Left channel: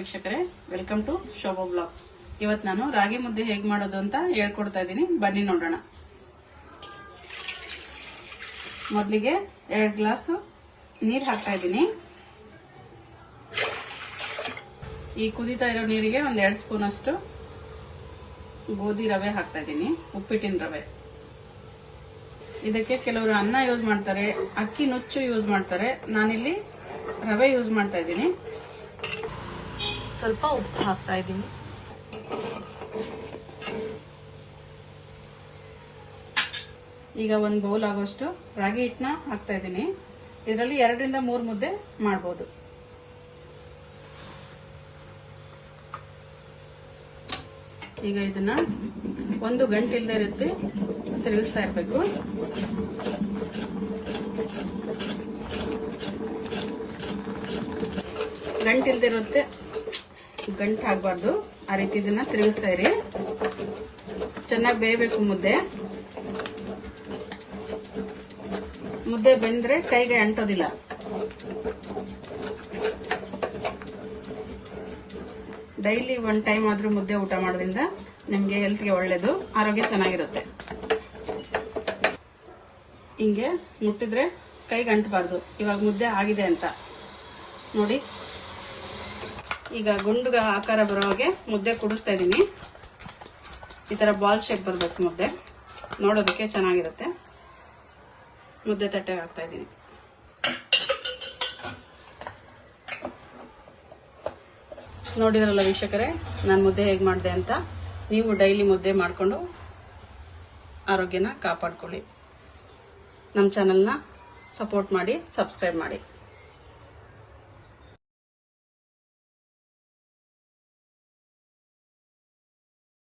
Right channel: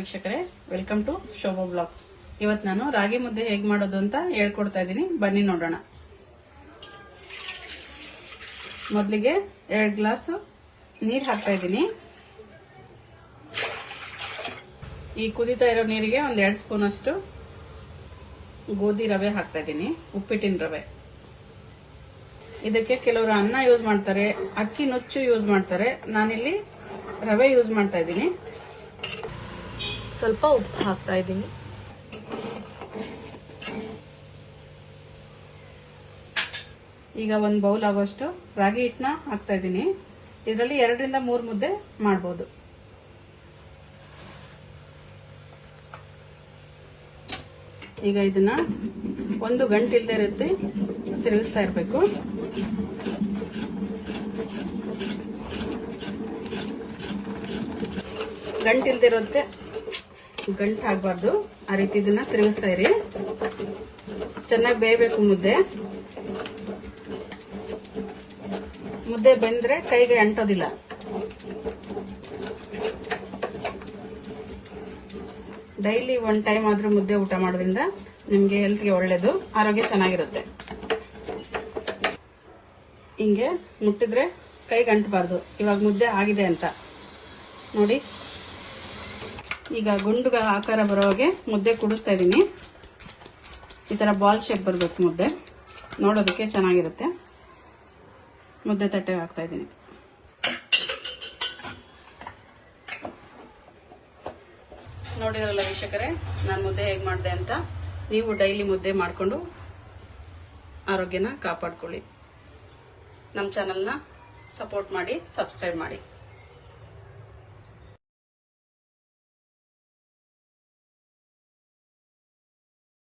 ವೀಕ್ಷಕರೇ, welcome to Shobha blogs. ಇವತ್ತು ನಾನು ರಾಗಿ ಮುದ್ದೆ ಹೇಗೆ ಮಾಡೋದು ಅಂತ ಹೇಳ್ಕೊಡ್ತಾ ಇದ್ದೀನಿ. ಬನ್ನಿ ನೋಡೋಣ. ಮೊದಲಿಗೆ 2 ಗ್ಲಾಸ್ ನೀರು ಹಾಕ್ತಾ ಇದ್ದೀನಿ. ಈ ಕುದೀತಾ ಇರೋ ನೀರಿಗೆ 1-2 ಸ್ಪೂನ್ ಅಷ್ಟು ಗೋಧಿ ರವೆ ಹಾಕ್ತಾ ಇದ್ದೀನಿ, ಉಪ್ಪಿಟ್ಟಿನ ರವೆ. ಇದಕ್ಕೆ ಕೆಲವರು ಅನ್ನ ಯೂಸ್ ಮಾಡ್ತಾರೆ, ಅಕ್ಕಿ ನುಚ್ಚು ಯೂಸ್ ಮಾಡ್ತಾರೆ. ನಾನಿಲ್ಲಿ ರವೆ ಯೂಸ್ ಮಾಡ್ತಾ ಇದ್ದೀನಿ. ಸ್ವಲ್ಪ ಉಪ್ಪು ಹಾಕ್ತಾ ಇದ್ದೀನಿ. ಈಗ 1 ಬೌಲ್ ಆಗೋಷ್ಟು ರಾಗಿ ಹಿಟ್ಟನ್ನ ಹಾಕ್ತಾ ಇದ್ದೀನಿ. ಇದರಲ್ಲಿ 2-3 ಮುದ್ದೆ ಮಾಡಬಹುದು. ಈಗ ಇದನ್ನ 1 ಗಂಟೆ ಇಲ್ಲದೆ ಇರುತ್ತೆ ತಿರುಗಿಸ್ತಾ ಇರ್ಬೇಕು. ಗಂಟೆ ಇಲ್ಲದೆ ಇರುತ್ತೆ, ಗಂಟು ಆಗಬಾರ್ದು. ಆ ರೀತಿ ಇದನ್ನ ತಿರುಗಿಸ್ತಾ ಇರಿ. ಚೆನ್ನಾಗಿ ಬೇಯಬೇಕು ಮುದ್ದೆ. ಮುದ್ದೆ ಬೆಂದ್ರೆ ಕೈಗೆ ಅಂಟೋದಿಲ್ಲ. ಡೈಲಿ 1 ಟೈಮ್ ಆದ್ರೂ ಮುದ್ದೆ ಊಟ ಮಾಡೋದ್ರಿಂದ ನಿಮ್ಗೆ ಹೆಲ್ತ್ಗೆ ಒಳ್ಳೇದು, ಆರೋಗ್ಯ ಚೆನ್ನಾಗಿರುತ್ತೆ. ಹಿಂಗೆ ಮುಟ್ಟಿದ್ರೆ ಕೈಗೆ ಅಂಟಬಾರ್ದು. ಇವಾಗ ಮುದ್ದೆ ಆಗಿದೆ ಅಂತ ನೋಡಿ. ಈಗ ಗುಂಡುಗ ಆಕಾರ ಬರೋ ಹಾಗೆ ಮುದ್ದೆ ಕುಡಿಸ್ತಾ ಇದ್ದೀನಿ. ಈ ತರ ಬಾಲ್ ಶೇಪ್ ಬರಬೇಕು ಮುದ್ದೆ, ನೋಡೋದಕ್ಕೆ ಚೆನ್ನಾಗಿರುತ್ತೆ. ಮುದ್ದೆ ತಟ್ಟೆಗೆ ಹಾಕ್ತಾ ಇದ್ದೀನಿ. ನೋಡಿದ್ರಲ್ಲ ವೀಕ್ಷಕರೇ, ನಾನು ಮುದ್ದೆ ಹೇಗೆ ಮಾಡಿದೆ ಅಂತ. ನೀವು ಡೈಲಿ ಮುದ್ದೆ ಮಾಡಿಕೊಂಡು ಆರೋಗ್ಯನ ಕಾಪಾಡ್ಕೊಳ್ಳಿ. ನಮ್ಮ ಚಾನಲ್ನ ಸಪೋರ್ಟ್ ಮಾಡಿ, ಸಬ್ಸ್ಕ್ರೈಬ್ ಮಾಡಿ.